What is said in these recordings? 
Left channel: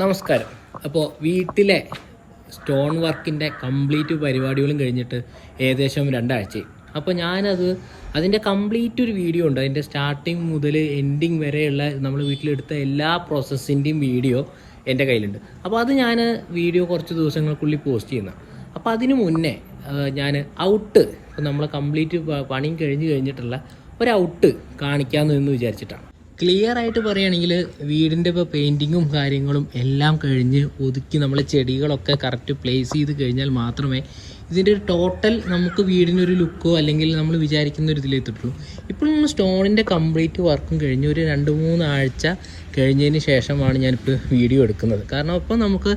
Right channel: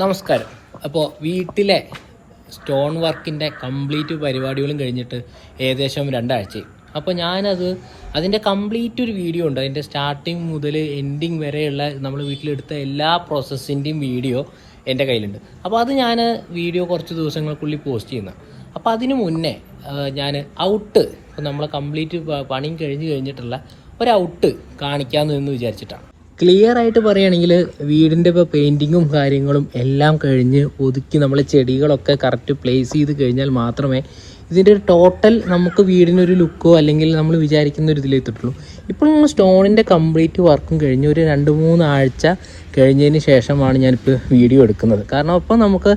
നമസ്കാരം. അപ്പോൾ വീട്ടിലെ സ്റ്റോൺ വർക്കിന്റെ കംപ്ലീറ്റ് പരിപാടികളും കഴിഞ്ഞിട്ട് ഏകദേശം രണ്ടാഴ്ച. അപ്പോൾ ഞാനത് അതിന്റെ കംപ്ലീറ്റ് ഒരു വീഡിയോ ഉണ്ട്. അതിന്റെ സ്റ്റാർട്ടിങ് മുതൽ എൻഡിങ് വരെയുള്ള നമ്മൾ വീട്ടിലെടുത്ത എല്ലാ പ്രോസസ്സിന്റെയും വീഡിയോ എന്റെ കയ്യിലുണ്ട്. അപ്പോൾ അത് ഞാൻ വീഡിയോ കുറച്ച് ദിവസങ്ങൾക്കുള്ളിൽ പോസ്റ്റ് ചെയ്യുന്ന അപ്പോൾ അതിന് മുന്നേ ഞാൻ ഔട്ട് നമ്മൾ കംപ്ലീറ്റ് പണിയും കഴിഞ്ഞ് കഴിഞ്ഞിട്ടുള്ള ഒരു ഔട്ട് കാണിക്കാമെന്ന് വിചാരിച്ചിട്ടാണ്. ക്ലിയർ ആയിട്ട് പറയുകയാണെങ്കിൽ വീടിന്റെ ഇപ്പോൾ പെയിന്റിങ്ങും കാര്യങ്ങളും എല്ലാം കഴിഞ്ഞ് ഒതുക്കി നമ്മൾ ചെടികളൊക്കെ കറക്റ്റ് പ്ലേസ് ചെയ്ത് കഴിഞ്ഞാൽ മാത്രമേ ഇതിന്റെ ടോട്ടൽ നമുക്ക് വീടിനൊരു ലുക്കോ അല്ലെങ്കിൽ നമ്മൾ വിചാരിക്കുന്ന ഒരു ഇതിലെത്തിട്ടുള്ളൂ ഇപ്പോൾ നമ്മൾ സ്റ്റോണിന്റെ കംപ്ലീറ്റ് വർക്കും കഴിഞ്ഞ് ഒരു രണ്ട് മൂന്ന് ആഴ്ച കഴിഞ്ഞതിന് ശേഷമാണ് ഞാനിപ്പോൾ വീഡിയോ എടുക്കുന്നത്. കാരണം അപ്പോൾ നമുക്ക്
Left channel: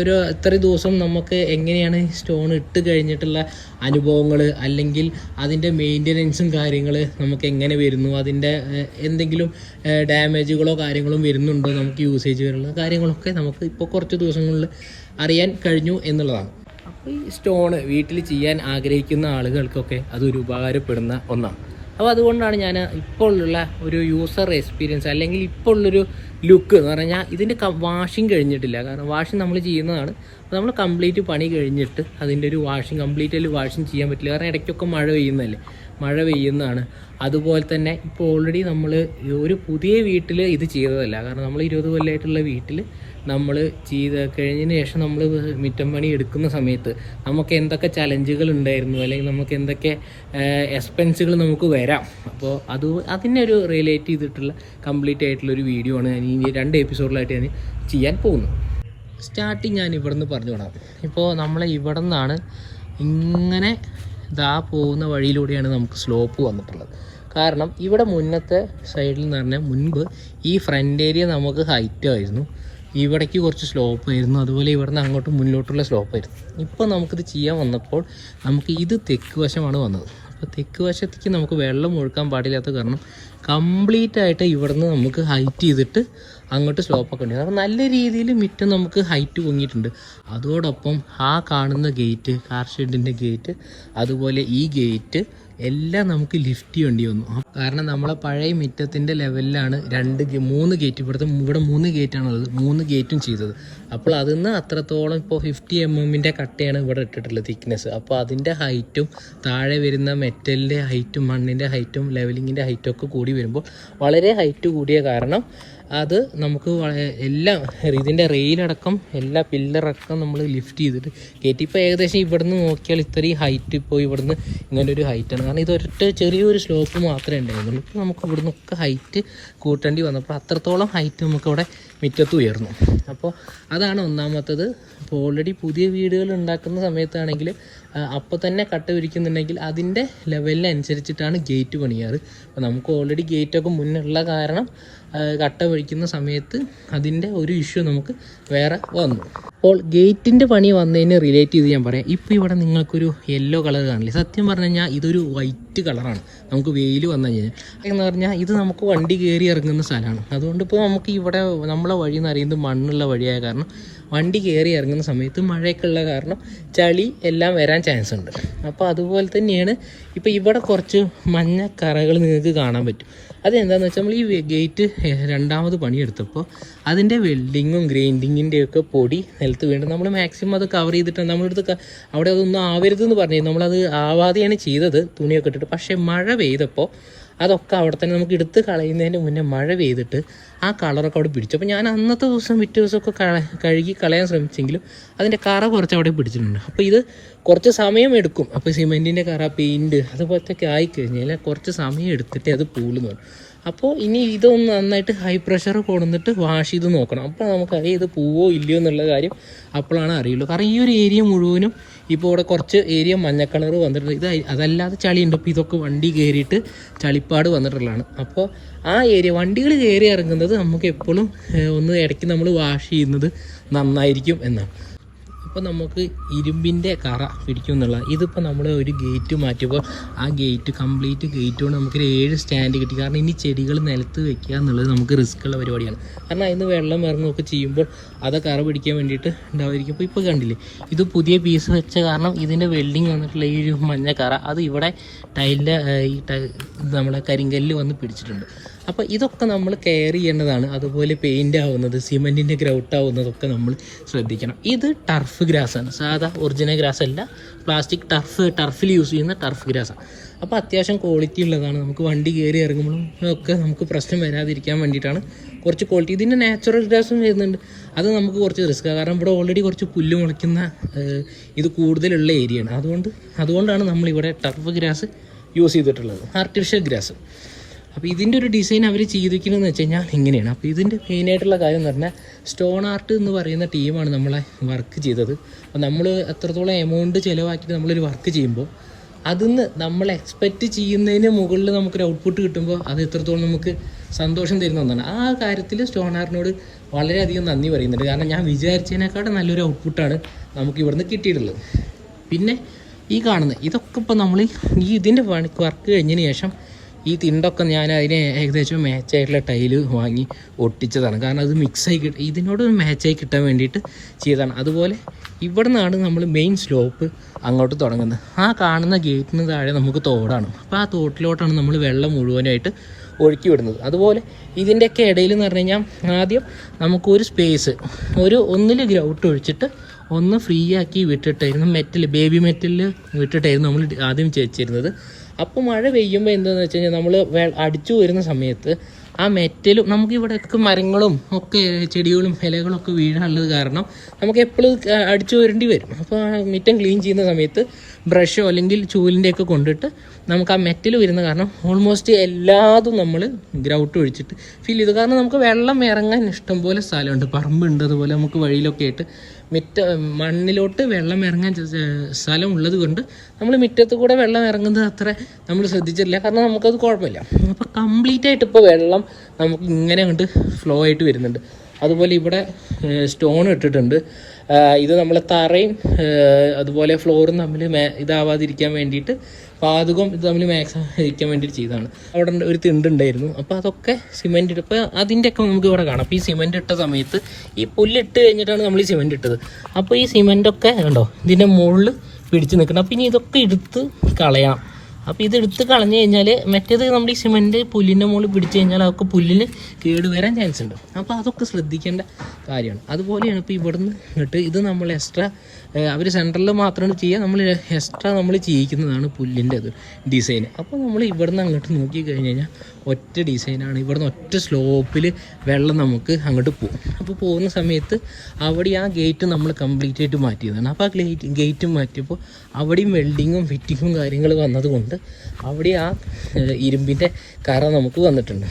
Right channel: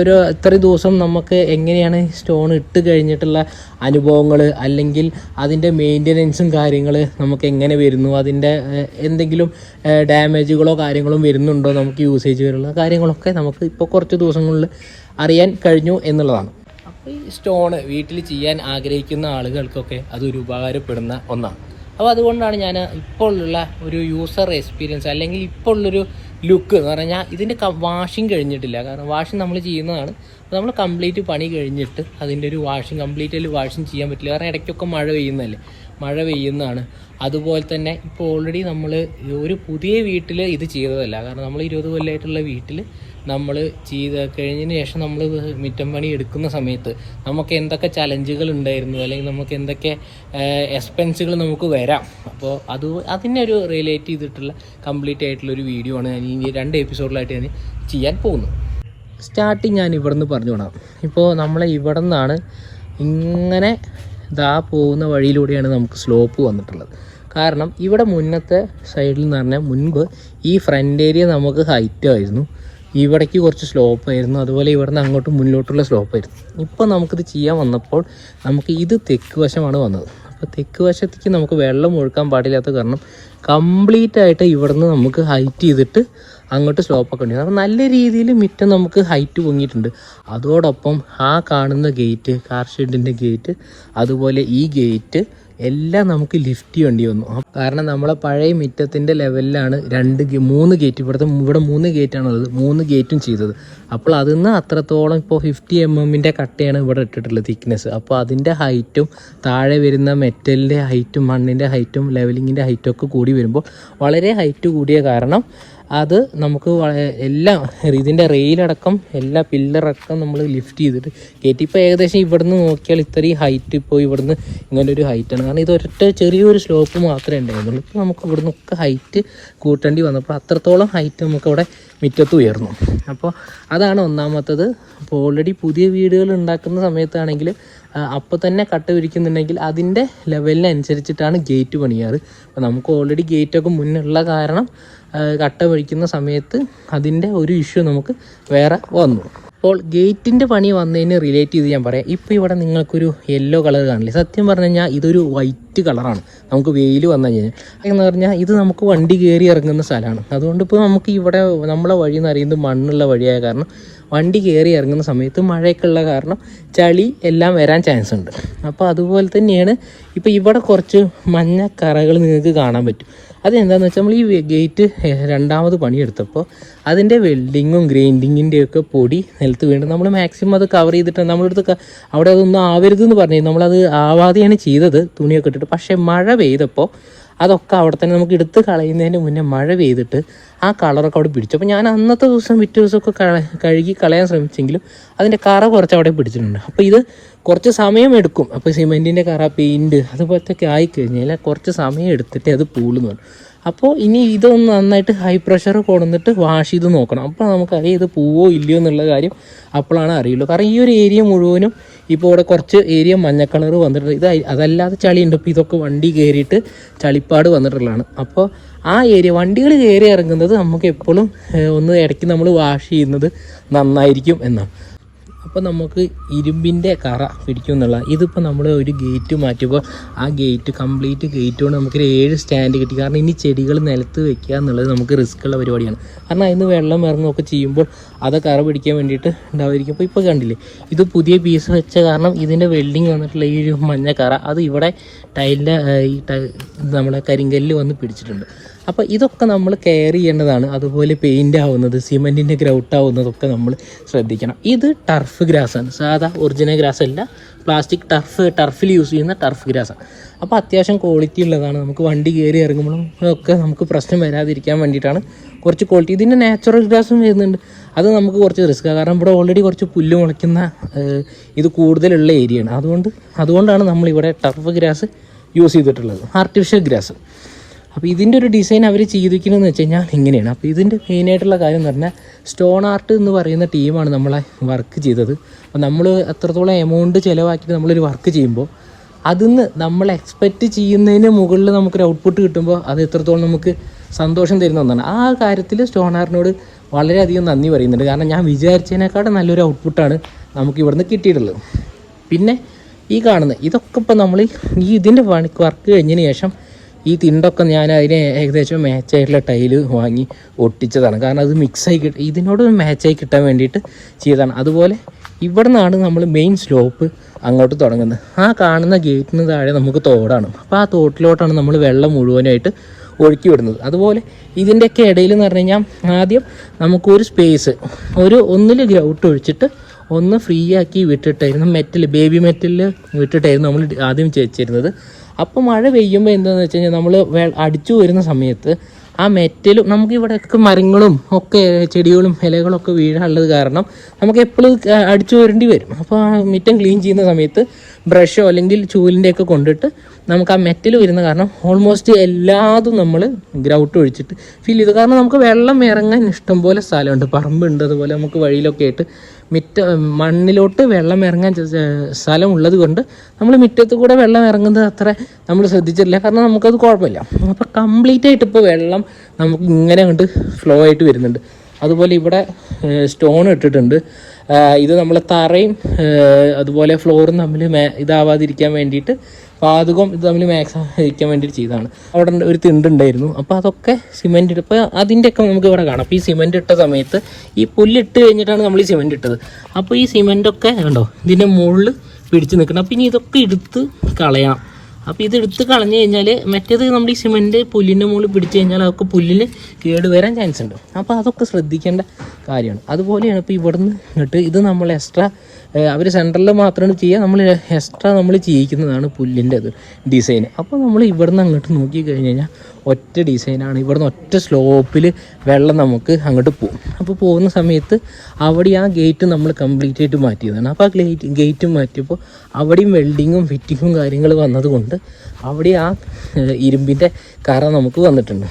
ഒരു എത്ര ദിവസം നമുക്ക് എങ്ങനെയാണ് സ്റ്റോൺ ഇട്ട് കഴിഞ്ഞിട്ടുള്ള അനുഭവങ്ങൾ അല്ലെങ്കിൽ അതിന്റെ മെയിന്റനൻസും കാര്യങ്ങൾ നമുക്ക് എങ്ങനെ വരുന്നു? അതിന്റെ എന്തെങ്കിലും ഡാമേജുകളോ കാര്യങ്ങളോ വരുന്നുണ്ടോ? നമുക്ക് യൂസേജ് വരുന്ന കാര്യങ്ങളൊക്കെ നമുക്ക് ഇപ്പോൾ കുറച്ച് ദിവസങ്ങളിൽ അറിയാൻ കഴിഞ്ഞു എന്നുള്ളതാണ്. ഈ സ്റ്റോണ് വീട്ടിൽ ചെയ്യാൻ ആഗ്രഹിക്കുന്ന ആളുകൾക്കൊക്കെ അതൊരു ഉപകാരപ്പെടുന്ന ഒന്നാണ്. അപ്പോൾ അതുകൊണ്ടാണ് ഞാൻ ഇപ്പോൾ ഉള്ള ഒരു യൂസർ എക്സ്പീരിയൻസ് അല്ലെങ്കിൽ ഇപ്പോൾ ഉള്ളൊരു ലുക്ക് എന്ന് പറഞ്ഞാൽ ഇതിന്റെ വാഷിങ് കഴിഞ്ഞിട്ടില്ല. കാരണം വാഷിങ് നമ്മൾ ചെയ്യുന്നതാണ്. അപ്പോൾ നമ്മൾ കംപ്ലീറ്റ് പണി കഴിഞ്ഞിട്ട് അതിന്റെ ഒരു വാഷിങ് കംപ്ലീറ്റ് വാഷിങ് ചെയ്യാൻ പറ്റില്ല. കാരണം ഇടയ്ക്കൊക്കെ മഴ പെയ്യുന്നതല്ലേ. മഴ പെയ്യുന്നതാണ്. അതുപോലെ തന്നെ ഇപ്പോൾ ഓൾറെഡി നമ്മൾ ഒരു പുതിയ വീട്ടിൽ ഇത് ചെയ്തതല്ല. കാരണം നമ്മൾ ഇരുപത് കൊല്ലമായിട്ടുള്ള വീട്ടിൽ നമ്മൾ ചെയ്ത കഴിഞ്ഞതിന് ശേഷം നമ്മൾ മിറ്റം പണി എടുക്കുന്ന സമയത്ത് നമുക്ക് എന്തൊക്കെ ചലഞ്ചുകൾ ഉണ്ടായിരുന്നു അല്ലെങ്കിൽ നമുക്ക് എന്തൊക്കെ എക്സ്പെൻസുകൾ നമുക്ക് വരാം. അപ്പോൾ അത് അതിനെ ഒരു റിലേറ്റ് ചെയ്തിട്ടുള്ള കംപ്ലീറ്റ് ആയിട്ടുള്ള ഒരു വീഡിയോ ആണ് ഞാൻ ഈ രണ്ട് എപ്പിസോഡിലായിട്ട് ഞാൻ ചെയ്യാൻ പോകുന്നത്. സ്റ്റാർട്ടിങ് ഞാൻ ഇവിടെ നിന്ന് പറഞ്ഞു വിടാം. ഇപ്പോൾ നമ്മളെ ഇവിടെ നിന്നാണ് ഇങ്ങനെ ഇതാ പോകുന്ന വഴിയിലൂടെയാണ് നമുക്ക് സ്ലോപ്പ് വന്നിട്ടുള്ളത്. കാരണം ഇവിടെ മുന്നത്തെ സൈഡിൽ എന്ന് പറഞ്ഞാൽ മുൻപ് ഈ ഫ്രണ്ട് ഏരിയ നമുക്ക് ഹൈറ്റായിരുന്നു ഇവിടേക്ക് കുറച്ച് സ്ലോപ്പ് ആയിരുന്നു. അതുപോലെ ഇവിടുന്ന് അങ്ങോട്ട് മുന്നിലോട്ടുള്ള സ്ലോപ്പ് ആയിരുന്നു. ഇപ്പോൾ നമുക്കിത് ചെയ്യാൻ വന്നപ്പോൾ നമുക്ക് ഇത് തെക്ക് വശമാണ് വന്നത്. അപ്പോൾ തെക്ക് വശത്തേക്ക് നമുക്ക് വെള്ളം ഒഴുക്കാൻ പാടില്ലാത്ത കാരണം കംപ്ലീറ്റ് ആയിട്ട് ഇവിടുന്ന് നമുക്ക് ഹൈറ്റ് ചെയ്തിട്ട് അങ്ങോട്ട് സ്ലോപ്പൊക്കെ ഉണ്ട്. അപ്പോൾ നല്ല രീതിയിൽ മിറ്റം നമുക്ക് ഹൈറ്റ് പൊങ്ങിയിട്ടുണ്ട്. അതോടൊപ്പം ആ കാണുന്ന ഗേറ്റ് കാർ ഷെഡിന്റെ ഗേറ്റ് അതുപോലെ ഈ ഗേറ്റ് എല്ലാം നമുക്ക് ലിഫ്റ്റ് ചെയ്യേണ്ടി വന്നു. കാരണം നമ്മളെ പഴയ മിറ്റത്തിന്റെ ലെവലിലാണ് രണ്ട് മൂന്ന് ഗേറ്റ് ഇവിടുത്തെ ഇവിടെ മൂന്ന് ഗേറ്റാണുള്ളത് മൂന്ന് ഗേറ്റും ചെയ്തത്. അപ്പോൾ അതിൽ നിന്ന് അത്രത്തോളം ഇപ്പോൾ ഫിഫ്റ്റി എം എമ്മിന്റെ കട്ടയാണ് ഇവിടെ ഇട്ടിട്ടുള്ളത് തിക്നെസ് അപ്പോൾ അതിന്റെ ഹൈറ്റും താഴെ വരുന്ന മെറ്റലിന്റെ ഹൈറ്റും മണ്ണിന്റെ ഹൈറ്റും ലെവലിങ്ങിന്റെ ഹൈറ്റും ഒക്കെ കൂടി വരുമ്പോൾ വളരെ ഹൈറ്റ് കൂടിയ കാരണം അത് നമുക്ക് എല്ലാം ഇതിന്റെ റെയിലടക്കം എല്ലാ പില്ലറടക്കം നമ്മൾ ലിഫ്റ്റ് ചെയ്തിട്ട് കയറ്റി ഇപ്പോൾ ഏകദേശം ഇവിടുന്ന് നോക്കിയാൽ ഇത്രയും ഹൈറ്റ് ഇപ്പോൾ ഇവിടുന്ന് ഇങ്ങനൊരു ഹൈറ്റാണ് കാരണം ഇത് ചെറിയൊരു സ്ലോപ്പ് മാത്രമേ ഉണ്ടായിരുന്നുള്ളൂ. ഇപ്പോൾ നമുക്ക് ഇവിടുന്ന് ഒക്കെ ഹൈറ്റ് കൂട്ടേണ്ടി വന്നപ്പോൾ അത്രത്തോളം ഹൈറ്റ് നമുക്ക് ഇവിടെ മുറ്റത്ത് ഉയർന്നു. അപ്പോൾ അതാണ് ഒന്നാമത്തത്. അപ്പോൾ ഓൾറെഡി പുതിയ വീടുകൾ ഉണ്ടാക്കുന്ന സമയത്താണെങ്കിൽ അപ്പോൾ തന്നെ കട്ട വിരിക്കുന്നുണ്ടെങ്കിൽ അതിന്റെ ലെവലിനനുസരിച്ചിട്ടാണ് ഗേറ്റ് പണിയാറ്. അപ്പോൾ നമുക്ക് ഓൾറെഡി ഗേറ്റൊക്കെ മുന്നുള്ള കാരണം കട്ട വഴിക്കുന്ന സമയത്ത് അതിന്റെ ഒരു ഇഷ്യൂ നമുക്ക് വേറെ വന്നു. അപ്പോൾ ഗേറ്റിന്റെ പണി വന്നതിന് റിലേറ്റ് ചെയ്ത് ഞാൻ പറയാം. ഇപ്പോൾ ഇവിടെ നിങ്ങൾക്കൊരു യെല്ലോ കളർ കാണില്ലേ? സത്യം പറഞ്ഞു കഴിഞ്ഞാൽ ഇതൊരു വൈറ്റ് കളറാണ്. നമുക്ക് വെയിൽ വന്നു കഴിഞ്ഞാൽ. എന്ന് പറഞ്ഞാൽ ഇത് നമുക്ക് വണ്ടി കയറി ഇറങ്ങുന്ന സ്ഥലമാണ്. അതുകൊണ്ട് ഇപ്പോൾ നമുക്ക് ഇവിടെ നമ്മളെ വഴി എന്ന് പറയുന്നത് മണ്ണുള്ള വഴിയായ കാരണം വണ്ടി കയറി ഇറങ്ങുന്ന സമയത്ത് മഴയൊക്കെ ഉള്ള കാരണം ചളി എല്ലാം വരാൻ ചാൻസ് ഉണ്ട്. അപ്പോൾ അതുപോലെ തന്നെയാണ് ഇപ്പോൾ ഇവിടെ കുറച്ച് മഞ്ഞ കറകൾ നിങ്ങൾക്ക് കാണാൻ പറ്റും. അതെന്താണെന്ന് വെച്ചാൽ നമ്മൾ ഈ ഗേറ്റ് രണ്ടാമത് പണിയെടുത്തപ്പോൾ അതിന്റെ വെൽഡിങ്ങും ഗ്രൈൻഡിങ്ങിന്റെ ഒക്കെ പൊടി നിലത്ത് വീണ് നമ്മൾ മാക്സിമം അത് കവർ ചെയ്തിട്ട് നമ്മളെടുത്ത് അവിടെ അതൊന്നും ആവരുതെന്ന് പറഞ്ഞു നമ്മളത് ആവാതെയാണ് ചെയ്തത് തുണിയൊക്കെ ഇട്ടിട്ട്. പക്ഷേ മഴ പെയ്തപ്പോൾ അതൊക്കെ അവിടെ തന്നെ നമുക്ക് എടുത്ത് കളയുന്നതിന് മുന്നേ മഴ പെയ്തിട്ട് ആ കളറൊക്കെ അവിടെ പിടിച്ചു. അപ്പോൾ ഞാൻ അന്നത്തെ ദിവസം പിറ്റേ ദിവസമൊക്കെ കഴുകി കളയാൻ ശ്രമിച്ചെങ്കിലും അതിന്റെ കറ കുറച്ച് അവിടെ പിടിച്ചിട്ടുണ്ട്. അപ്പോൾ ഇത് കുറച്ച് സമയം എടുക്കും. അപ്പോൾ സിമെന്റിന്റെ കറ പെയിന്റ് അതുപോലത്തെയൊക്കെ ആയിക്കഴിഞ്ഞാൽ കുറച്ച് സമയം എടുത്തിട്ട് അത് പൂളുന്നു അപ്പോൾ ഇനി ഇതൊന്ന് നന്നായിട്ട് ഹൈ പ്രഷർ കൊണ്ടുവന്നിട്ട് വാഷ് ചെയ്ത് നോക്കണം. അപ്പോൾ നമുക്കറിയാം ഇത് പോവോ ഇല്ലയോ എന്നുള്ള കാര്യം അപ്പോഴാണ് അറിയുള്ളൂ. കാരണം ഈ ഒരു ഏരിയ മുഴുവനും ഇപ്പോൾ ഇവിടെ കുറച്ച് ഏരിയ മഞ്ഞ കളർ വന്നിട്ടുണ്ട്. ഇത് അതല്ലാതെ ചളിയുണ്ട്. ഇപ്പോൾ ഇതൊക്കെ വണ്ടി കയറിയിട്ട് ചളിപ്പാട് വന്നിട്ടുള്ളതാണ്. അപ്പോൾ ആ ഏരിയ വണ്ടികൾ കയറി ഇറങ്ങുന്നത് നമുക്ക് എപ്പോഴും ഒന്ന് ഇടയ്ക്ക് നമ്മൾ വാഷ് ചെയ്യുന്നത് നന്നായിരിക്കും എന്നാണ്. അപ്പോൾ നമുക്ക് ഇരുമ്പിന്റെ കറ പിടിക്കും എന്നുള്ള ഇതിപ്പോൾ നമ്മൾ ഒരു ഗേറ്റ് മാറ്റിയപ്പോൾ ആ ഗേറ്റ് കംപ്ലീറ്റ് ഗേറ്റ് കൊണ്ട് നമുക്കൊരു ഏഴ് സ്റ്റാൻഡ് കിട്ടി. കാരണം ഇനി ചെടികൾ നിലത്ത് വെക്കുക എന്നുള്ളത് നമുക്ക് റിസ്ക് ഉള്ള പരിപാടിയാണ്. കാരണം അതിന് വെള്ളം ഇറങ്ങുകയൊക്കെ ചെയ്യുമ്പോൾ അത് കറ പിടിക്കാൻ വേണ്ടിയിട്ട് ഉണ്ടാവുമായിരിക്കും അപ്പോൾ ഇപ്പോൾ കണ്ടില്ലേ? ഇത് പുതിയ പീസ് വെച്ച കാരണം ഇതിന്റെ വെൽഡിങ് വന്നിട്ടുള്ള ഈ ഒരു മഞ്ഞ കറ അത് ഇവിടെ ടൈലിന്റെ ഈ നമ്മുടെ കരിങ്കല്ല് കരിങ്കല്ലിൽ വന്ന് പിടിച്ചിട്ടുണ്ട്. അപ്പോൾ ഇതൊക്കെ നമ്മൾ കെയർ ചെയ്യേണ്ടതാണ്. അതുപോലെ പെയിന്റ് ആവുന്നത് സിമെന്റിന്റെ ഗ്രൗട്ട് ആവുന്നതൊക്കെ നമ്മൾ ശ്രദ്ധിക്കണം. ഇത് ടർഫ് ഗ്രാസ് ആണ്. സാധാ ഒറിജിനൽ ഗ്രാസ് അല്ല പ്ലാസ്റ്റിക് ടർഫ് ടർഫിൽ യൂസ് ചെയ്യുന്ന ടർഫ് ഗ്രാസാണ് അപ്പോൾ അത്യാവശ്യം ക്വാളിറ്റി ഉള്ളതാണ്. നമുക്ക് വണ്ടി കയറി ഇറങ്ങുമ്പോഴും ഒക്കെ നമുക്ക് പ്രശ്നം വരാതിരിക്കാൻ വേണ്ടിയിട്ടാണ് കുറച്ച് ക്വാളിറ്റി ഇതിന്റെ നാച്ചുറൽ ഗ്രാസും വരുന്നുണ്ട്. അത് നമുക്ക് കുറച്ച് റിസ്ക് കാരണം ഇവിടെ ഓൾറെഡി കുറച്ച് പുല്ല് മുളയ്ക്കുന്ന ഇത് കൂടുതലുള്ള ഏരിയയാണ് അതുകൊണ്ട് അതുകൊണ്ടാണ് നമ്മളിവിടെ ടർഫ് ഗ്രാസ് യൂസ് ചെയ്തിട്ടുള്ളത്. ആർട്ടിഫിഷ്യൽ ഗ്രാസ് അപ്പോൾ ഇതിന്റെ ഒരു ഡിസൈൻ അവർ ചെയ്തിരിക്കുന്നതെന്ന് വെച്ച് കഴിഞ്ഞാൽ ഇങ്ങനെയാണ്. അപ്പോൾ ഇതിന്റെ മെയിനായിട്ടുള്ള കാര്യം എന്ന് പറഞ്ഞാൽ സ്റ്റോൺ ആർട്ട് എന്ന് പറയുന്ന ടീമാണ് നമ്മളെ വർക്ക് ചെയ്തത്. അപ്പോൾ നമ്മൾ എത്രത്തോളം എമൗണ്ട് ചിലവാക്കിയിട്ട് നമ്മളൊരു വർക്ക് ചെയ്യുമ്പോൾ അതിന്ന് നമ്മൾ എക്സ്പെക്റ്റ് ചെയ്യുന്നതിന് മുകളിൽ നമുക്കൊരു ഔട്ട്പുട്ട് കിട്ടുമ്പോൾ അത് എത്രത്തോളം നമുക്ക് സന്തോഷം തരുന്ന ഒന്നാണ്. ആ കാര്യത്തിൽ സ്റ്റോണാറിനോട് വളരെയധികം നന്ദി പറയുന്നുണ്ട്. കാരണം ഞാൻ വിചാരിച്ചതിനേക്കാളും നല്ലൊരു ഔട്ട്പുട്ടാണ് നമുക്ക് ഇവിടുന്ന് കിട്ടിയിട്ടുള്ളത്. പിന്നെ ഈ കാണുന്നത് ഇതൊക്കെ ഇപ്പോൾ നമ്മൾ ഈ ഇതിന്റെ വർക്ക് കഴിഞ്ഞതിന് ശേഷം ഈ തിണ്ടൊക്കെ ഞാൻ അതിന് ഏകദേശം മാച്ചായിട്ടുള്ള ടൈൽ വാങ്ങി ഒട്ടിച്ചതാണ്. കാരണം അത് മിക്സായി കിട്ടും ഇതിനോട് മാച്ചായി കിട്ടാൻ വേണ്ടിയിട്ട് ചെയ്തതാണ്. അതുപോലെ ഇവിടെ നിന്നാണ് നമ്മൾ മെയിൻ സ്ലോപ്പ് അങ്ങോട്ട് തുടങ്ങുന്നത്. ആ കാണുന്ന ഗേറ്റിന് താഴെ നമുക്ക് തോടാണ്. അപ്പോൾ ആ തോട്ടിലോട്ടാണ് നമ്മൾ വെള്ളം മുഴുവനായിട്ട് ഒഴുക്കി വിടുന്നത്. അതുപോലെ ഇതിന്റെയൊക്കെ ഇടയിൽ എന്ന് പറഞ്ഞു കഴിഞ്ഞാൽ ആദ്യം നമുക്കൊരു സ്പേസ് ഒരു ഒന്നിൽ ഗ്രൗട്ട് ഒഴിച്ചിട്ട് ഒന്ന് ഫ്രീ ആക്കി വിട്ടിട്ടായിരുന്നു മെറ്റൽ ബേബി മെറ്റലിൽ വിട്ടിട്ടായിരുന്നു നമ്മൾ ആദ്യം വെച്ചിരുന്നത്. അപ്പോൾ മഴ പെയ്യുമ്പോൾ എന്താണെന്ന് വെച്ച് കഴിഞ്ഞാൽ നമ്മൾ അടിച്ചു വരുന്ന സമയത്ത് ആ മെറ്റലും നമുക്ക് ഇവിടെയൊക്കെ മരങ്ങളും ഒക്കെ ചെടികളും ഇലകളൊക്കെ വീഴാനുള്ളത് കാരണം നമുക്ക് എപ്പോഴും അടിച്ചു വരേണ്ടി വരും. അപ്പോൾ ആ മിറ്റം ക്ലീൻ ചെയ്യുന്ന സമയത്ത് ബ്രഷോ അല്ലെങ്കിൽ ചൂലിന്റെ ഒക്കെ കൊണ്ടിട്ട് നമുക്ക് ആ മെറ്റൽ വരുന്ന കാരണം ഓൾമോസ്റ്റ് എല്ലാതും നമ്മൾ ഗ്രൗട്ട് ഒഴിച്ചിട്ട് ഫീൽ ചെയ്തു. കാരണം നമുക്ക് വെള്ളം ഇറങ്ങാൻ ഇഷ്ടംപോലെ സ്ഥലമുണ്ട്. പറമ്പുണ്ട് അതുപോലെ നമുക്ക് വഴിയിലൊക്കെ ആയിട്ട് മിറ്റ മണ്ണിലോട്ട് വെള്ളം ഇറങ്ങാൻ സ്ഥലം ഉള്ളത് കൊണ്ട് നമ്മൾ മുറ്റത്ത് കൂടെ വെള്ളം ഇറങ്ങുന്നത് അത്ര നമ്മൾ ശ്രദ്ധിച്ചിട്ടില്ല. കാരണം നമുക്കത് കുഴപ്പമില്ല. അപ്പോൾ കംപ്ലീറ്റ് ആയിട്ട് ഇപ്പോൾ വെള്ളം നമുക്ക് ഇങ്ങനെ അങ്ങോട്ട് ഫ്ലോ ആയിട്ട് വരുന്നുണ്ട്. അതുപോലെ ഇവിടെ സ്റ്റോൺ ഇട്ടിട്ടുണ്ട്. ഇത് നമ്മൾ തറയും അതുപോലെ ഫ്ലോറും തമ്മിൽ ഇതാവാതിരിക്കാൻ വേണ്ടിയിട്ട് പാതകം ഇത് തമ്മിൽ മാക്സ് ഇരിക്കാൻ വേണ്ടിയിട്ട് ചെയ്തതാണ്. അവിടെ ഒരു തിണ്ടുണ്ടായിരുന്നു അപ്പോൾ അതൊക്കെ സിമെന്റ് ഇപ്പോൾ അതിന്റെയൊക്കെ നമുക്ക് ഇവിടെ കാണാം. അപ്പോൾ ഈ സിമെന്റ് ഇട്ട സമയത്ത് ഈ പുല്ലിട്ട് കഴിഞ്ഞിട്ടാണ് നമ്മൾ ഈ സിമെന്റ് ഇട്ടത്. അപ്പോൾ ഈ സിമെന്റൊക്കെ കണ്ടോ? ഇതിന്റെ മുകളിൽ പിടിച്ച് നിൽക്കണം. അപ്പോൾ ഇനി ഇതൊക്കെ എടുത്ത് കളയണം അപ്പോൾ ഇത് എടുത്ത് കളഞ്ഞു കഴിഞ്ഞാൽ മറ്റേത് നമ്മൾ ഈ സിമെന്റ് പുല്ലിന്റെ മുകളിൽ പിടിച്ചു കഴിഞ്ഞാൽ അതൊക്കെ പുല്ലിന് കേട് വരാൻ ചാൻസ് ഉണ്ട്. അപ്പോൾ അതൊക്കെ ശ്രദ്ധിക്കേണ്ട കാര്യമാണ്. അതുപോലെയാണ് ഇപ്പോൾ ഇവിടുന്ന് ഇട്ട് ഇത് നമ്മൾ എക്സ്ട്രാ അവർ സെൻട്രലിൽ മാത്രമാണ് ചെയ്യുക. നമ്മൾ എക്സ്ട്രാ നമ്മൾ ചെയ്യിക്കുന്നതാണ് പുല്ലിന്റെ അത് ഡിസൈൻ അപ്പോൾ നമ്മൾ ഇവിടുന്ന് അങ്ങോട്ട് നോക്കി കഴിഞ്ഞ് കഴിഞ്ഞാൽ ഒറ്റ ഡിസൈനാണ് ഇവിടുന്ന് ഒറ്റ സ്ലോപ്പിൽ വെള്ളം നമുക്ക് അങ്ങോട്ട് പോകും അപ്പോൾ പോകുന്ന സമയത്ത് അവിടെ ആ ഗേറ്റ് നമ്മൾ കംപ്ലീറ്റ് ആയിട്ട് മാറ്റിയതാണ്. അപ്പോൾ ആ ഗേറ്റ് ഗേറ്റ് മാറ്റിയപ്പോൾ അവിടെയും വെൽഡിങ്ങും ഫിറ്റിങ്ങും കാര്യങ്ങൾ വന്നതുകൊണ്ട് അവിടെ ആ ഇരുമ്പിന്റെ കറ നമുക്ക് വന്നിട്ടുണ്ട്.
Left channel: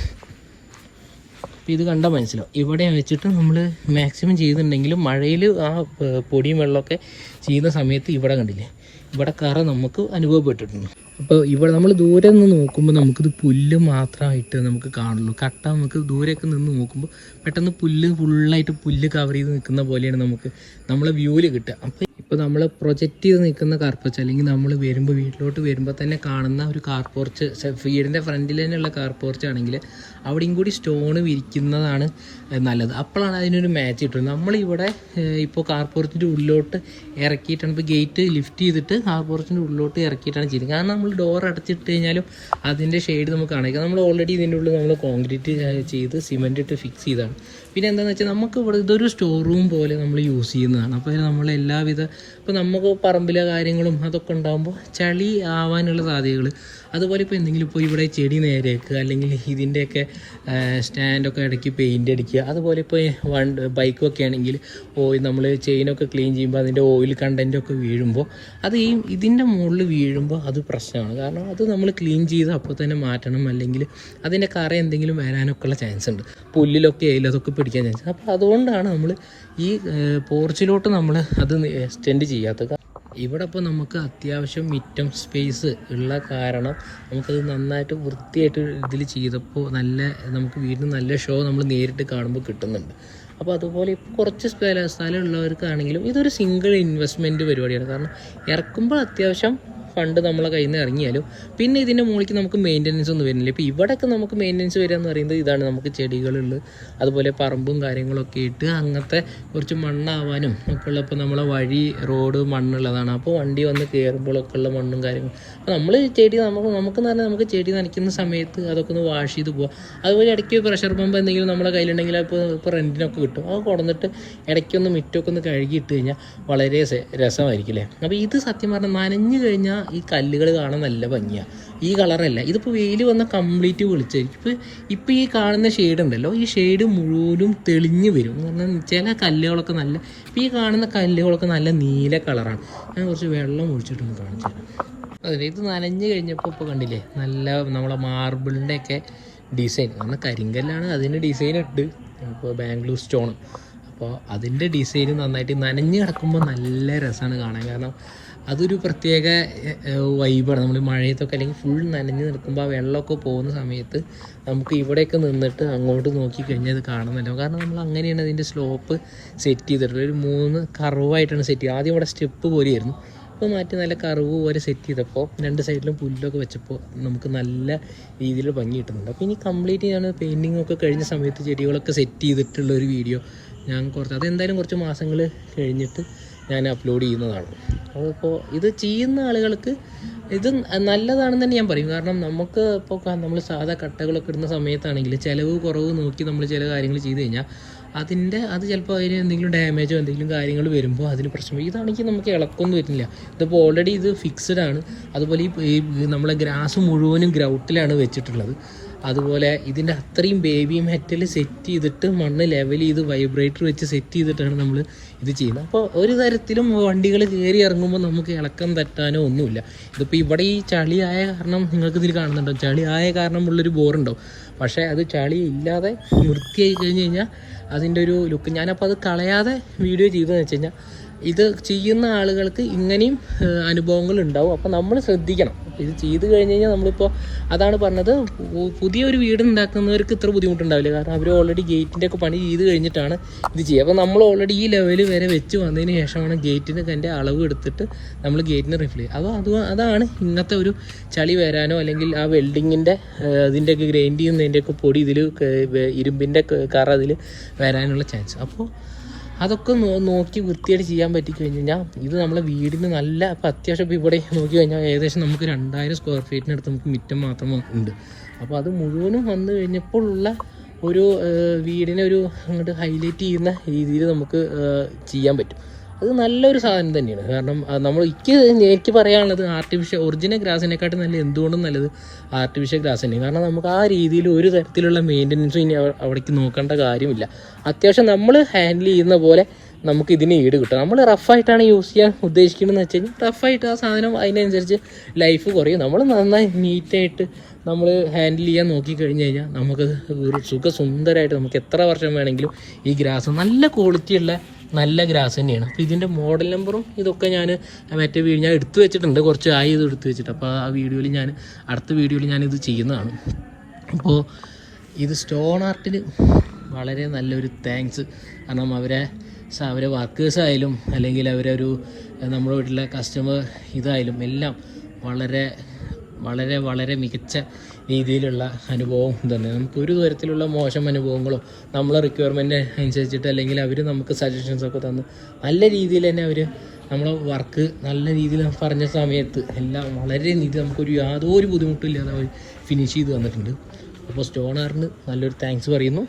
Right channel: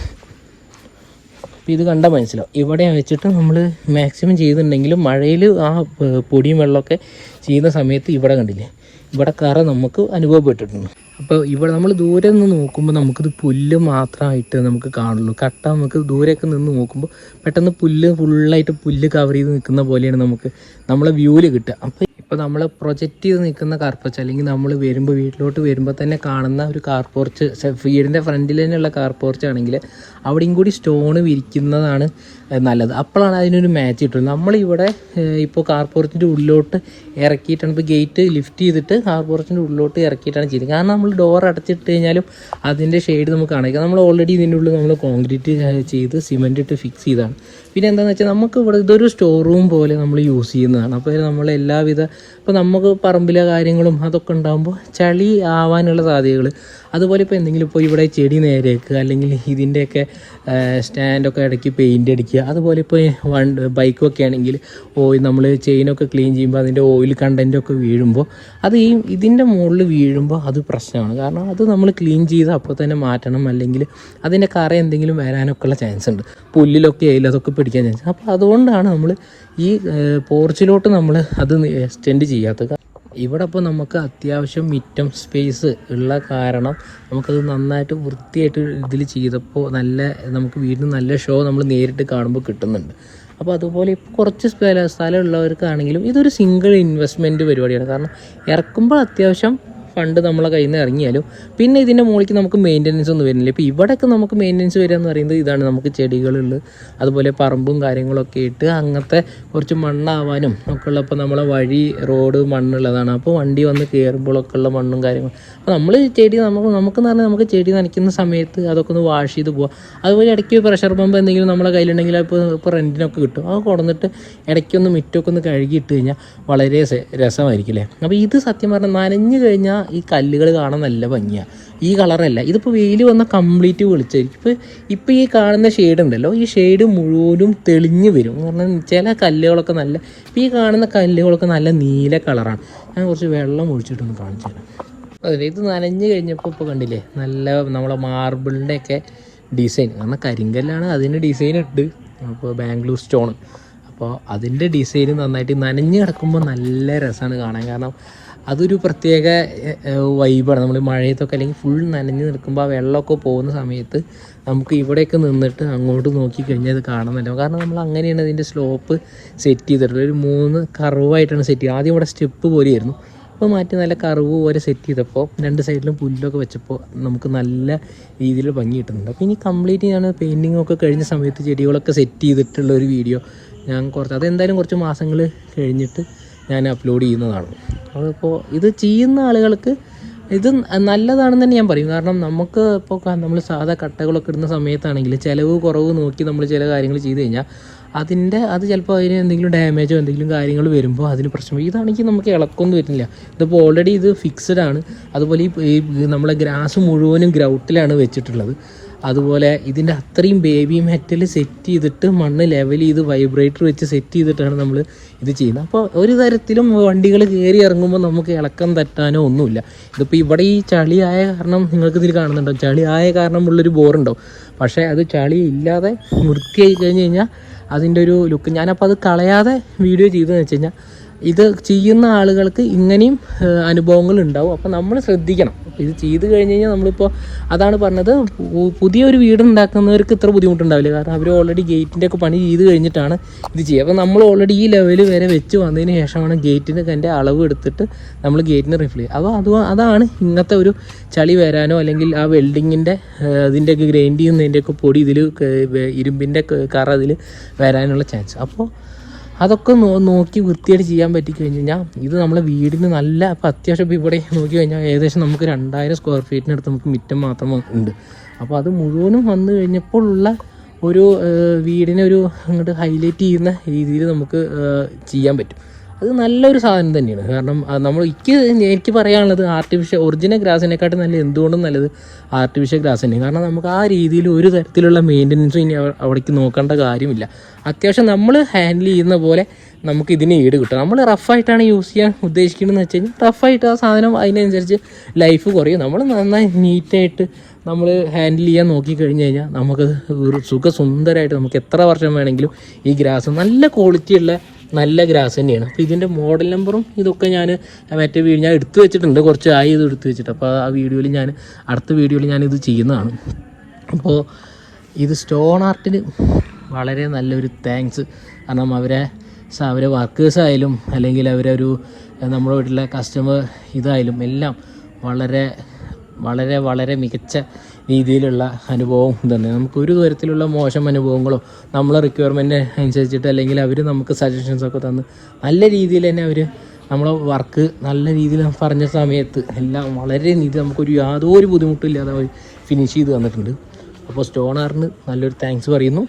അപ്പോൾ ഇത് കണ്ടാൽ മനസ്സിലാവും. ഇവിടെ വെച്ചിട്ട് നമ്മൾ മാക്സിമം ചെയ്തിട്ടുണ്ടെങ്കിലും മഴയിൽ ആ പൊടിയും വെള്ളമൊക്കെ ചെയ്യുന്ന സമയത്ത് ഇവിടെ കണ്ടില്ലേ? ഇവിടെ കറ നമുക്ക് അനുഭവപ്പെട്ടിട്ടുണ്ട്. അപ്പോൾ ഇവിടെ നമ്മൾ ദൂരെ നിന്ന് നോക്കുമ്പോൾ നമുക്കിത് പുല്ല് മാത്രമായിട്ട് നമുക്ക് കാണുള്ളൂ. കട്ട നമുക്ക് ദൂരെയൊക്കെ നിന്ന് നോക്കുമ്പോൾ പെട്ടെന്ന് പുല്ല് ഫുള്ളായിട്ട് പുല്ല് കവർ ചെയ്ത് നിൽക്കുന്ന പോലെയാണ് നമുക്ക് നമ്മളെ വ്യൂവിൽ കിട്ടുക. അപ്പോൾ ഇപ്പോൾ നമ്മൾ പ്രൊജക്റ്റ് ചെയ്ത് നിൽക്കുന്ന കാർ പോർച്ച് അല്ലെങ്കിൽ നമ്മൾ വരുമ്പോൾ വീട്ടിലോട്ട് വരുമ്പോൾ തന്നെ കാണുന്ന ഒരു കാർ പോർച്ച് വീടിന്റെ ഫ്രണ്ടിൽ തന്നെയുള്ള കാർ പോർച്ച് ആണെങ്കിൽ അവിടെയും കൂടി സ്റ്റോൺ വിരിക്കുന്നതാണ് നല്ലത്. അപ്പോഴാണ് അതിനൊരു മാച്ച് കിട്ടുന്നത്. നമ്മളിവിടെ ഇപ്പോൾ കാർ പോർച്ചിന്റെ ഉള്ളിലോട്ട് ഇറക്കിയിട്ടാണ് ഇപ്പോൾ ഗേറ്റ് ലിഫ്റ്റ് ചെയ്തിട്ട് കാർ പോർച്ചിന്റെ ഉള്ളിലോട്ട് ഇറക്കിയിട്ടാണ് ചെയ്യുന്നത് കാരണം നമ്മൾ ഡോർ അടച്ചിട്ട് കഴിഞ്ഞാലും അതിന്റെ ഷെയ്ഡ് നമുക്ക് കാണിക്കാം നമ്മൾ ഓൾറെഡി ഇതിന്റെ ഉള്ളിൽ നമ്മൾ കോൺക്രീറ്റ് ചെയ്ത് സിമെന്റ് ഇട്ട് ഫിക്സ് ചെയ്താണ് പിന്നെ എന്താണെന്ന് വെച്ചാൽ നമുക്ക് ഇവിടെ ഇതൊരു സ്റ്റോർ റൂം പോലെ നമ്മൾ യൂസ് ചെയ്യുന്നതാണ്. അപ്പോൾ നമ്മൾ എല്ലാവിധ ഇപ്പോൾ നമുക്ക് പറമ്പിലെ കാര്യങ്ങളും അതൊക്കെ ഉണ്ടാകുമ്പോൾ ചളി ആവാനുള്ള സാധ്യതകൾ അതുപോലെ ഇപ്പോൾ എന്തെങ്കിലും ഇപ്പോൾ ഇവിടെ ചെടി നേരെയാക്കുക അല്ലെങ്കിൽ ഇതിന്റെയൊക്കെ സ്റ്റാൻഡൊക്കെ ഇടയ്ക്ക് പെയിന്റ് അടിക്കുക. അതുപോലെ ഇപ്പോൾ വൺ ബൈക്കൊക്കെ ആണെങ്കിൽ ഓയിൽ നമ്മൾ ചെയിനൊക്കെ ക്ലീൻ ചെയ്യുമ്പോൾ അതിന്റെ ഓയിൽ കണ്ടന്റൊക്കെ വീഴുമ്പോൾ അത് ഈ ഇതിന്റെ മുകളിൽ വീഴുമ്പോൾ അത് പ്രശ്നമാണ്. കാരണം അത് നമ്മൾ ക്ലീൻ ചെയ്ത് അപ്പോൾ തന്നെ മാറ്റണം. അല്ലെങ്കിൽ അതിന്റെ കറ എന്തെങ്കിലും വരാനൊക്കെ ഉള്ള ചാൻസ് ഉണ്ട്. പുല്ലിലൊക്കെ ആയാലും അതൊക്കെ പിടിക്കാൻ ചാൻസ് അപ്പോൾ അതുകൊണ്ടാണ് നമ്മൾ ഈ പോർച്ചിലോട്ട് നമ്മൾ അത് എക്സ്റ്റെൻഡ് ചെയ്യാത്തത്. ഇവിടെ ഇപ്പോൾ നമുക്ക് അത്യാവശ്യം മിറ്റം സ്പേസ് ഉള്ള കാരണം നമുക്കത് നന്നായിട്ട് വൃത്തിയായിട്ട് ഇതിൽ ചെയ്തപ്പോൾ നല്ല നമുക്ക് വീടിന് നല്ല ഷോ നമ്മൾ നേരിട്ട് കാണുമ്പോൾ കിട്ടുന്നുണ്ട്. അപ്പോൾ അതുപോലെ ഇപ്പോൾ കുറച്ച് സ്ഥലം സ്ഥലമുള്ളവർക്കാണെങ്കിലും ഇതൊരു സിംഗിൾ ഇൻവെസ്റ്റ്മെന്റ് പരിപാടിയാണ്. കാരണം ഇറക്കുമ്പോൾ അത്യാവശ്യം ഫണ്ട് നമ്മളെ കയ്യിൽ നിന്ന് ഇറങ്ങിയാലും പിന്നെ ഇതിന്റെ മുകളിലേക്ക് നമുക്ക് മെയിന്റനൻസ് ഒന്നും വരുന്നില്ല. ഇപ്പോൾ ഇവിടെയൊക്കെ നമുക്ക് മെയിന്റനൻസ് വരിക എന്ന് പറയുന്നത് ഇതാണ്. നമുക്ക് ചെടികളുള്ള അതുപോലെ പറമ്പും കാര്യങ്ങളൊക്കെ ഇട്ട് അങ്ങനത്തെ കുറച്ച് മണ്ണാവാനും ഒക്കെ ഉള്ളപ്പോൾ നമ്മളെ വഴി റോഡ് മണ്ണുള്ളതാണ്. അപ്പോൾ വണ്ടി വന്ന് കയറുമ്പോഴൊക്കെ ഉള്ള മണ്ണും കാര്യങ്ങളും. അപ്പോൾ നമ്മൾ ചെടി നമുക്ക് നമുക്കെന്ന് പറഞ്ഞാൽ നമുക്ക് ചെടി നനയ്ക്കുന്ന സമയത്ത് അതൊക്കെ ഒന്ന് വാഷ് ചെയ്ത് പോവാം. അതുപോലെ ഇടയ്ക്ക് പ്രഷർ പമ്പ് എന്തെങ്കിലും നമ്മളെ കയ്യിലുണ്ടെങ്കിൽ അപ്പോൾ ഇപ്പോൾ റെന്റിനൊക്കെ കിട്ടും. അത് കൊടുന്നിട്ട് ഇടയ്ക്കൊന്ന് മിറ്റൊക്കെ ഒന്ന് കഴുകിയിട്ട് കഴിഞ്ഞാൽ വളരെ സ- രസമായിരിക്കും അല്ലേ അപ്പോൾ ഇത് സത്യം പറഞ്ഞാൽ നനഞ്ഞു കഴിഞ്ഞാൽ ഈ കല്ലുകൾ കാണാൻ നല്ല ഭംഗിയാണ് ഈ കളറല്ല. ഇതിപ്പോൾ വെയിൽ വന്ന കംപ്ലീറ്റ് വെളിച്ചായിരിക്കും ഇപ്പോൾ ഇപ്പോൾ ഈ കാണുന്ന ഷെയ്ഡ് ഉണ്ടല്ലോ ഈ ഷെയ്ഡ് മുഴുവനും തെളിഞ്ഞ് വരും. കാരണം ചില കല്ലുകളൊക്കെ നല്ല ഇപ്പോൾ ഈ കാണുന്ന കല്ലുകളൊക്കെ നല്ല നീല കളറാണ്. ഞാൻ കുറച്ച് വെള്ളം ഒഴിച്ചിട്ടൊന്ന് കാണിച്ചു തരാം. ഇത് നനഞ്ഞു കഴിഞ്ഞപ്പോൾ ഇപ്പോൾ കണ്ടില്ലേ നല്ല നമ്മളെ മാർബിളിന്റെ ഒക്കെ ഡിസൈൻ കാരണം കരിങ്കല്ലാണ് അതിന് ഡിസൈൻ ഇട്ട്. അപ്പോൾ ബാംഗ്ലൂർ സ്റ്റോൺ. അപ്പോൾ അതിന്റെ ഡിസൈൻ നന്നായിട്ട് നനഞ്ഞ് കിടക്കുമ്പോൾ നല്ല രസമാണ് കാണാൻ. കാരണം അതൊരു പ്രത്യേക വൈബാണ്. നമ്മൾ മഴയത്തൊക്കെ അല്ലെങ്കിൽ ഫുൾ നനഞ്ഞ് നിൽക്കുമ്പോൾ ആ വെള്ളമൊക്കെ പോകുന്ന സമയത്ത് നമുക്ക് ഇവിടെയൊക്കെ നിന്നിട്ട് അങ്ങോട്ട് നോക്കി കഴിഞ്ഞാൽ അത് കാണുന്നില്ല കാരണം നമ്മൾ അങ്ങനെയാണ് അതിന്റെ സ്ലോപ്പ് സെറ്റ് ചെയ്തിട്ടുള്ളത്. ഒരു മൂന്ന് കർവായിട്ടാണ് സെറ്റ് ചെയ്യുന്നത്. ആദ്യം ഇവിടെ സ്റ്റെപ്പ് പോലെയായിരുന്നു. അപ്പോൾ മാറ്റി നല്ല കർവ് പോലെ സെറ്റ് ചെയ്തപ്പോൾ രണ്ട് സൈഡിലും പുല്ലൊക്കെ വെച്ചപ്പോൾ നമുക്ക് നല്ല രീതിയിൽ ഭംഗി കിട്ടുന്നുണ്ട്. അപ്പോൾ ഇനി കംപ്ലീറ്റ് ഞാൻ പെയിന്റിംഗ് ഒക്കെ കഴിഞ്ഞ സമയത്ത് ചെടികളൊക്കെ സെറ്റ് ചെയ്തിട്ടുള്ള ഒരു വീഡിയോ ഞാൻ കുറച്ച് അതെന്തായാലും കുറച്ച് മാസങ്ങൾ കഴിഞ്ഞിട്ട് ഞാൻ അപ്ലോഡ് ചെയ്യുന്നതാണ്. അപ്പോൾ ഇത് ചെയ്യുന്ന ആളുകൾക്ക് ഇത് നല്ലതാണെന്ന് തന്നെ ഞാൻ പറയും. കാരണം നമുക്ക് ഇപ്പോൾ നമ്മൾ സാധാ കട്ടകളൊക്കെ ഇടുന്ന സമയത്താണെങ്കിൽ ചിലവ് കുറവ് നോക്കി നമ്മൾ ചില കാര്യങ്ങൾ ചെയ്ത് കഴിഞ്ഞാൽ അതിന്റെ അത് ചിലപ്പോൾ അതിന് എന്തെങ്കിലും ഡാമേജോ എന്തെങ്കിലും കാര്യങ്ങൾ വരുമ്പോൾ അതിന് പ്രശ്നം. ഇതാണെങ്കിൽ നമുക്ക് ഇളക്കൊന്നും വരുന്നില്ല. ഇതിപ്പോൾ ഓൾറെഡി ഇത് ഫിക്സഡ് ആണ്. അതുപോലെ ഈ നമ്മളെ ഗ്രാസ് മുഴുവനും ഗ്രൗട്ടിലാണ് വെച്ചിട്ടുള്ളത്. അതുപോലെ ഇതിന്റെ അത്രയും ബേബി മെറ്റൽ സെറ്റ് ചെയ്തിട്ട് മണ്ണ് ലെവൽ ചെയ്ത് വൈബ്രേറ്റർ വെച്ച് സെറ്റ് ചെയ്തിട്ടാണ് നമ്മൾ ഇത് ചെയ്യുന്നത്. അപ്പോൾ ഒരു തരത്തിലും വണ്ടികൾ കയറി ഇറങ്ങുമ്പോൾ നമുക്ക് ഇളക്കം തട്ടാനോ ഒന്നുമില്ല. ഇതിപ്പോൾ ഇവിടെ ഈ ചളിയായ കാരണം നിങ്ങൾക്ക് ഇതിൽ കാണുന്നുണ്ടോ ചളിയായ കാരണം ഉള്ളൊരു ബോറുണ്ടാവും പക്ഷേ അത് ചളി ഇല്ലാതെ വൃത്തിയായി കഴിഞ്ഞ് കഴിഞ്ഞാൽ അതിന്റെ ഒരു ലുക്ക് ഞാനപ്പോൾ അത് കളയാതെ വീഡിയോ ചെയ്തതെന്ന് വെച്ച് കഴിഞ്ഞാൽ ഇത് ചെയ്യുന്ന ആളുകൾക്ക് ഇങ്ങനെയും അനുഭവങ്ങൾ ഉണ്ടാവും. അപ്പോൾ നമ്മൾ ശ്രദ്ധിക്കണം. ഇത് ചെയ്ത് കഴിഞ്ഞ് കഴിഞ്ഞാൽ നമ്മളിപ്പോൾ അതാണ് പറഞ്ഞത് പുതിയൊരു വീട് ഉണ്ടാക്കുന്നവർക്ക് ഇത്ര ബുദ്ധിമുട്ടുണ്ടാവില്ല. കാരണം അവർ ഓൾറെഡി ഗേറ്റിന്റെ ഒക്കെ പണി ചെയ്ത് കഴിഞ്ഞിട്ടാണ് ഇത് ചെയ്യുക. അപ്പോൾ നമ്മൾ ഓൾറെഡി ഈ ലെവൽ വരെ വെച്ച് വന്നതിന് ശേഷമാണ് ഗേറ്റിന് എന്റെ അളവ് എടുത്തിട്ട് നമ്മൾ ഗേറ്റിന് റിഫിൽ ചെയ്യുക. അപ്പോൾ അത് അതാണ് ഇങ്ങനത്തെ ഒരു ചളി വരാനോ അല്ലെങ്കിൽ ആ വെൽഡിങ്ങിന്റെ അതിന്റെയൊക്കെ ഗ്രൈൻഡ് ചെയ്യുന്നതിന്റെയൊക്കെ പൊടി ഇതിൽ ഇരുമ്പിന്റെ കറ അതിൽ വരാനുള്ള ചാൻസ് അപ്പോൾ അതൊക്കെ നോക്കി വൃത്തിയായിട്ട് ചെയ്യാൻ പറ്റി കഴിഞ്ഞ് കഴിഞ്ഞാൽ ഇത് നമ്മളെ വീടിന് നല്ല ഇപ്പം അത്യാവശ്യം ഇപ്പോൾ ഇവിടെ നോക്കി കഴിഞ്ഞാൽ ഏകദേശം നമുക്ക് രണ്ടായിരം സ്ക്വയർ ഫീറ്റിനടുത്ത് നമുക്ക് മുറ്റം മാത്രം ഉണ്ട്. അപ്പോൾ അത് മുഴുവനും വന്നു കഴിഞ്ഞപ്പോൾ ഉള്ള ഒരു വീടിനെ ഒരു അങ്ങോട്ട് ഹൈലൈറ്റ് ചെയ്യുന്ന രീതിയിൽ നമുക്ക് ചെയ്യാൻ പറ്റും. അത് നല്ലൊരു സാധനം തന്നെയാണ്. കാരണം നമ്മൾ എനിക്ക് എനിക്ക് പറയാനുള്ളത് ആർട്ടിഫിഷ്യൽ ഒറിജിനൽ ഗ്രാസിനെക്കാട്ടും നല്ല എന്തുകൊണ്ടും നല്ലത് ആർട്ടിഫിഷ്യൽ ഗ്രാസ് തന്നെയാണ്. കാരണം നമുക്ക് ആ രീതിയിൽ ഒരു തരത്തിലുള്ള മെയിന്റനൻസും ഇനി അവിടേക്ക് നോക്കേണ്ട കാര്യമില്ല. അത്യാവശ്യം നമ്മൾ ഹാൻഡിൽ ചെയ്യുന്ന പോലെ നമുക്ക് ഇതിന് ഈട് കിട്ടും. നമ്മൾ റഫായിട്ടാണ് യൂസ് ചെയ്യാൻ ഉദ്ദേശിക്കുന്നതെന്ന് വെച്ച് കഴിഞ്ഞാൽ റഫായിട്ട് ആ സാധനം അതിനനുസരിച്ച് ലൈഫ് കുറയും. നമ്മൾ നന്നായി നീറ്റായിട്ട് നമ്മൾ ഹാൻഡിൽ ചെയ്യാൻ നോക്കി കഴിഞ്ഞ് കഴിഞ്ഞാൽ നമുക്ക് ഒരു സുഖസുന്ദരമായിട്ട് നമുക്ക് എത്ര വർഷം വേണമെങ്കിലും ഈ ഗ്രാസ് നല്ല ക്വാളിറ്റിയുള്ള നല്ല ഗ്രാസ് തന്നെയാണ്. അപ്പോൾ ഇതിന്റെ മോഡൽ നമ്പറും ഇതൊക്കെ ഞാൻ മറ്റേ വീഡിയോ ഞാൻ എടുത്തു വെച്ചിട്ടുണ്ട്. കുറച്ച് ആയി ഇത് എടുത്തു വെച്ചിട്ട്. അപ്പോൾ ആ വീഡിയോയിൽ ഞാൻ അടുത്ത വീഡിയോയിൽ ഞാൻ ഇത് ചെയ്യുന്നതാണ്. അപ്പോൾ ഇത് സ്റ്റോൺ ആർട്ടിന് വളരെ നല്ലൊരു താങ്ക്സ് കാരണം അവരെ അവരെ വർക്കേഴ്സ് ആയാലും അല്ലെങ്കിൽ അവരൊരു നമ്മുടെ വീട്ടിലെ കസ്റ്റമർ ഇതായാലും എല്ലാം വളരെ വളരെ വളരെ മികച്ച രീതിയിലുള്ള അനുഭവം തന്നെ. നമുക്ക് ഒരു തരത്തിലുള്ള മോശം അനുഭവങ്ങളോ നമ്മളെ റിക്വയർമെന്റ് അനുസരിച്ചിട്ട് അല്ലെങ്കിൽ അവർ നമുക്ക് സജഷൻസ് ഒക്കെ തന്ന് നല്ല രീതിയിൽ തന്നെ അവർ നമ്മളെ വർക്ക് നല്ല രീതിയിൽ പറഞ്ഞ സമയത്ത് എല്ലാം വളരെ നീതി നമുക്കൊരു യാതൊരു ബുദ്ധിമുട്ടില്ലാതെ അവർ ഫിനിഷ് ചെയ്ത് തന്നിട്ടുണ്ട്. അപ്പോൾ സ്റ്റോണറിന് നല്ലൊരു താങ്ക്സ് പറയുന്നു.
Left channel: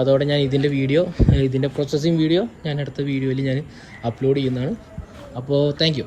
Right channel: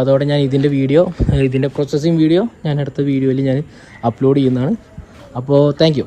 അതോടെ ഞാൻ ഇതിന്റെ വീഡിയോ ഇതിന്റെ പ്രോസസ്സിങ് വീഡിയോ ഞാൻ അടുത്ത വീഡിയോയിൽ ഞാൻ അപ്ലോഡ് ചെയ്യുന്നതാണ്. അപ്പോൾ താങ്ക്